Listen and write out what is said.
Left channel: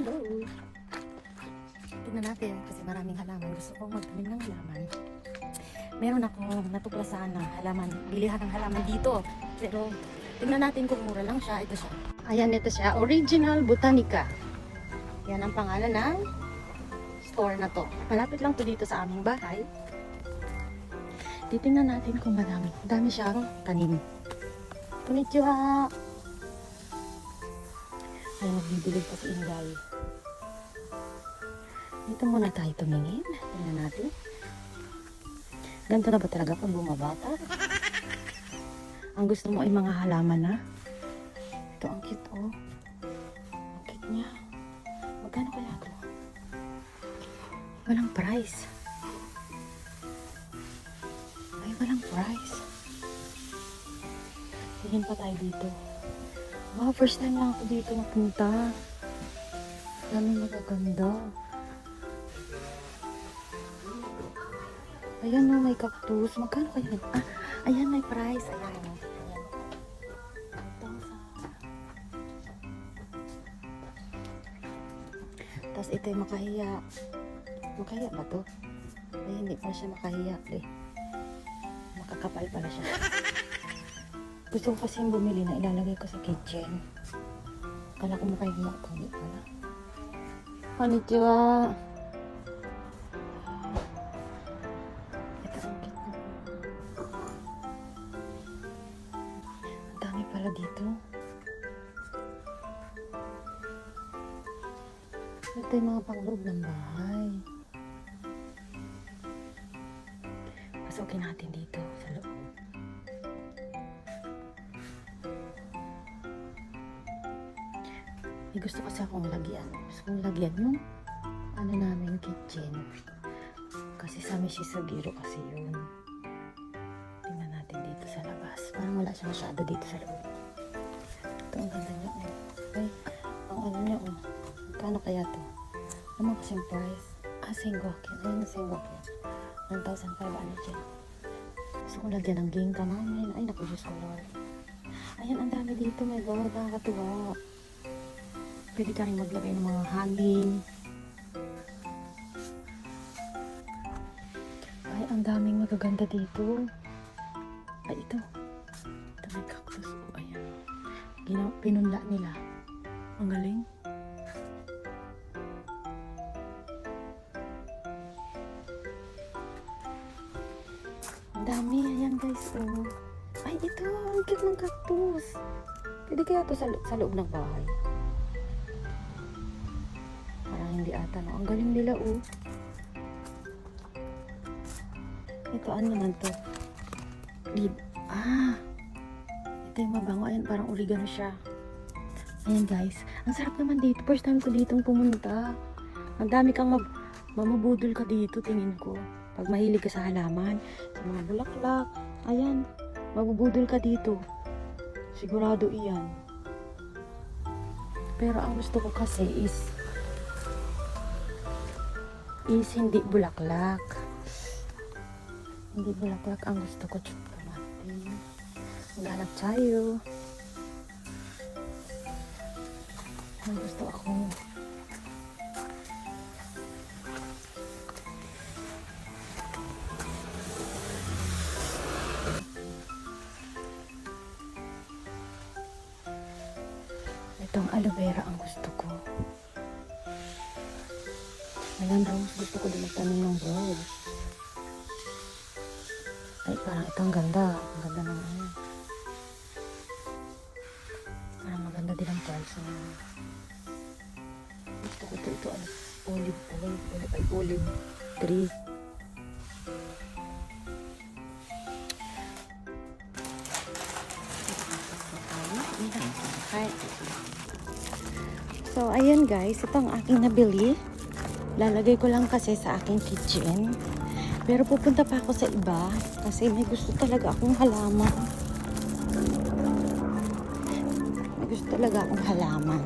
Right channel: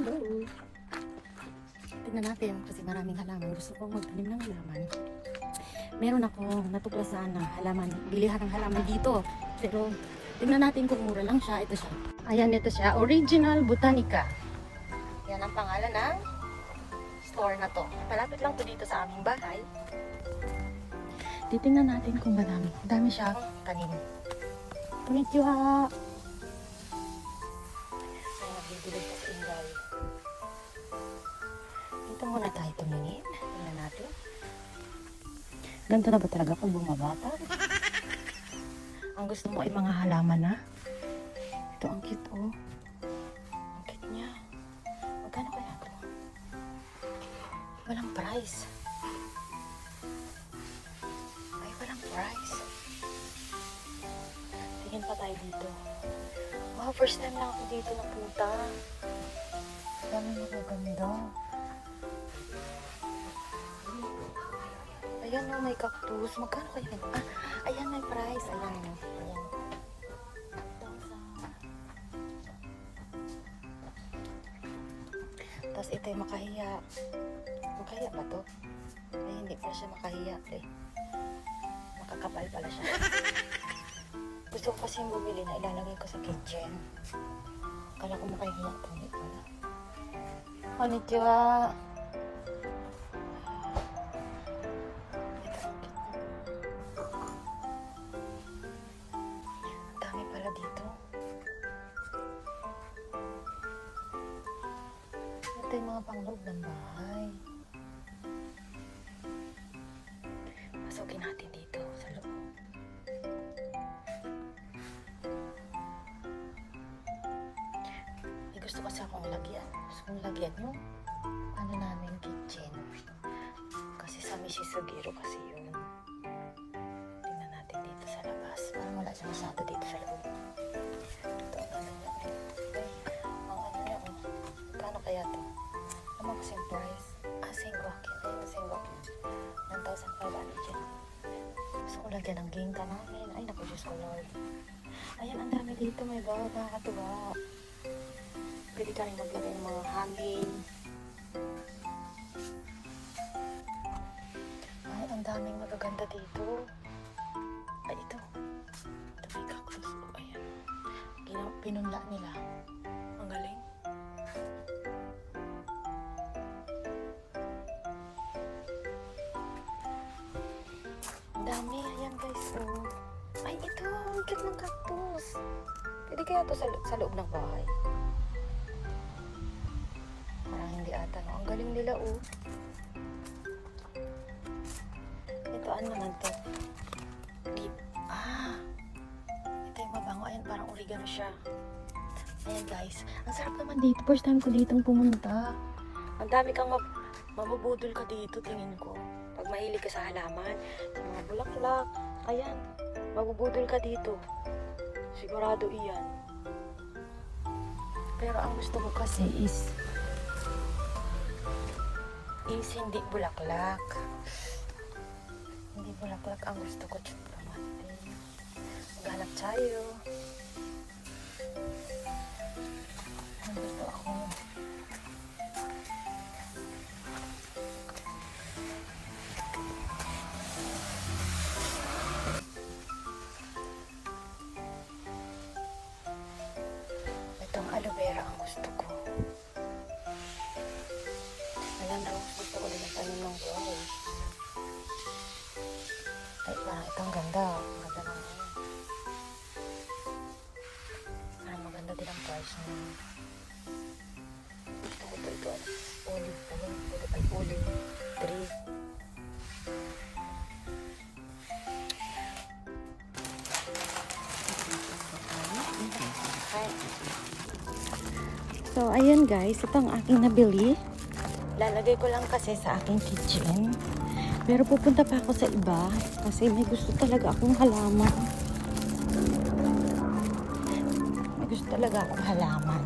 Hello! Tingnan natin kasi maraming halaman. Gusto kong magbiling ng halaman. Meron ako natuklasan na halaman. Bilihan ng halaman dito. Pero tingnan natin kung mura lang siya. Ito siya. Ayan, ito siya. Original Botanica. Yan ang pangalan ng store na to. Malapit lang po dito sa aming bahay. Titingnan natin kung madami. Dami siyang tanim. Konnichiwa! Ay, magbibili kasi ng bahay. Dito muna tayo tumingin. Ano natin? Ganito na ba talaga pag bumabata? Ang gusto mo ay mga halaman na. Ito ang cute, oh. Ang cute niya. Magkano kaya ito? Walang price. Ay, walang price. Tingin pa tayo dito. Oh, first time lang ako dito napunta. Dami magaganda. Ayan mo, may cactus. Magkano kaya dito? Ah, ayan, may price. Ayan. Tapos ito yung makahiya. Makahiya ba to? Ay, hindi pa siya makahiya. Eh. Makakapal pala siya. Gusto ko kasi bumili na ilalagay ko sa kitchen. Kala ko makahiya. Hindi pala. Konnichiwa! Dito. Ito yung mga pang-group ng bahay. Pasukin natin dito sa loob. May gusto kasi akong lagyan. Gusto kong lagyan yung ano namin kitchen. Kasi sa Mishisugiro kasi yun. Tingnan natin dito sa labas. Parang wala siya masyado dito sa loob. Ito ang ganda niya. Ay, ang ano niya. Paano kaya to? Ano kasi yung price? Ah, Sengokin. Ayun, Sengokin. 1,000 pa ano dyan. Gusto ko lagyan ng ginto. Ay, naku, Diyos ko Lord. Ayan, ang dami dito. May galawang kakatuwa. Pwede ka rin maglagay ng mga hangin. Ay, ang daming magaganda dito. Ay, ito. Ito may cactus. Oh, ayan. Pinunla nila. Ang galing. Ang dami. Ayan guys. Ay, ito. Ang cute ng cactus. Pwede kaya ito sa loob ng bahay. Hindi ata. Ang galing nila. Ito ano naman ito? Ito yung mabango. Ayan, parang oregano siya. Ayan guys, ang sarap naman dito. First time ko ditong pumunta. Ang dami kang mamabudol ka dito, tingin ko. Pag mahilig ka sa halaman, sa mga bulaklak, ayan, mamabudol ka dito. Sigurado iyan. Pero ang gusto ko kasi is hindi bulaklak. Hindi bulaklak ang gusto ko. Maghanap tayo. Ang gusto ako. Itong aloe vera ang gusto ko. Ayan rose. Gusto ko din magtanong ng rose. Ay, parang itong ganda. Ang ganda naman yun. Parang maganda din ang price mo. Gusto ko ito. Olive tree. So, ayan guys. Ito ang aking nabili. Lalagay ko lang kasi sa aking kitchen. Pero pupunta pa ako sa iba kasi may gusto talaga akong halaman. May gusto talaga akong halaman.